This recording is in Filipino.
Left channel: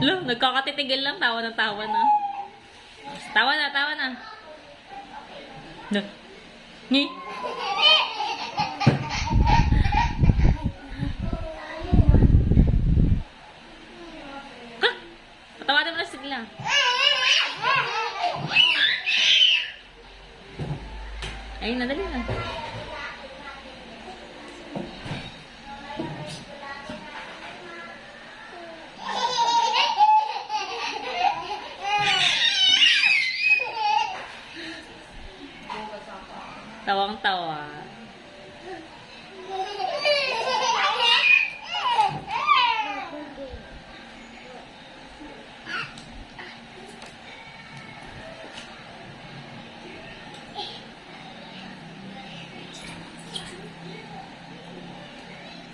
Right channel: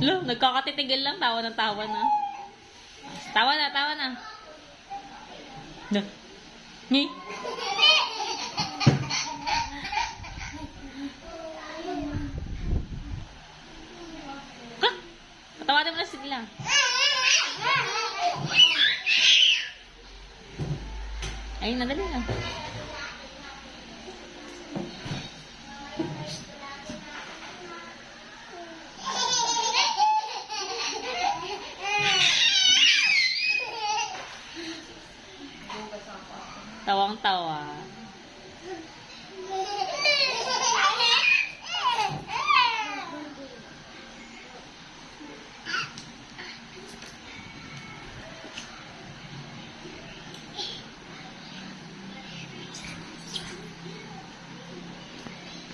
Lo, nagkakatitigil lang. Tawa na tawa na. Tawa na, tawa na. No. Ni. Ka? Patawarin mo na sila. Ayun na, dali.